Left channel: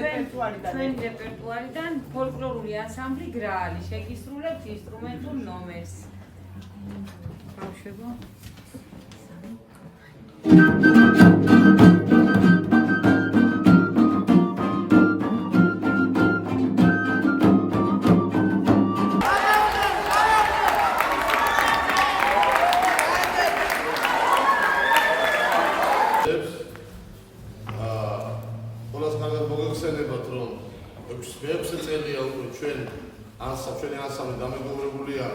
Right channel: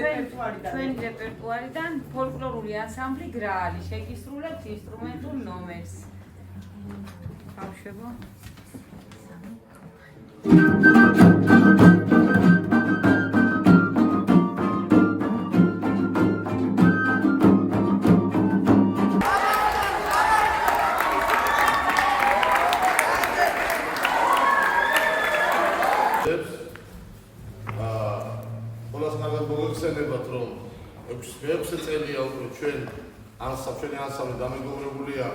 Ჩვენ რეპერტუარიდან ფოლკლორული ანსამბლი გრაალი შეგისრულებთ ინსტრუმენტულ ნომერს. Ბავშვებო. მოგეხსენებათ რომ 6 წელია უკვე ჩვენი ანსამბლი დამეგობრებულია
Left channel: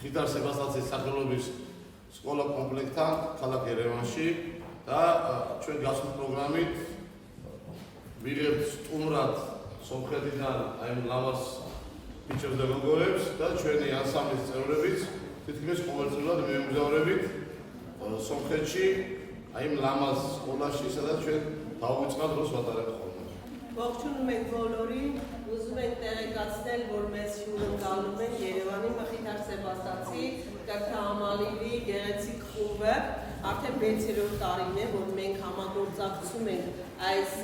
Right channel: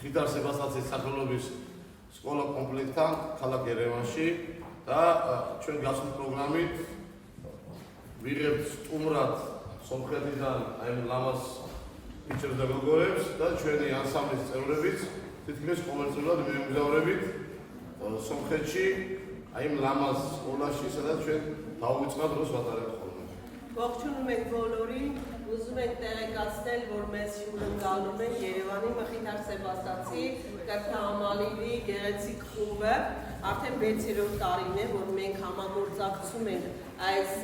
ხითარ სებასტაცის სახელობის სკოლა კომპლექტთან ქალაქ ერევანში და ჩვენ გასულ პროგრამით ვიღებთ სტუმრად სომხეთიდან აი ლამაზ ბიჭებს და გოგოებს და ჩვენი ანსამბლის წევრებიც თითქმის ყოველწლიურად მიემგზავრებით სომხეთში აი ლამაზ სკოლაში სადაც ჩვენ დავიწყებთ დროს ვატარებთ ხოლმე. Ողջունում ենք բոլորին, ուզում ենք տեղեկացնել, որ մեզ շուտ ընկալում են Երևանի Մխիթար Սեբաստացի կրթահամալիրի գեղեցիկ խումբը, արդեն 6-րդ տարին է, որ մենք համագործակցում ենք այս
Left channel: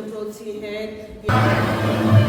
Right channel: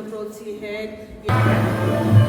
դպրոցի հետ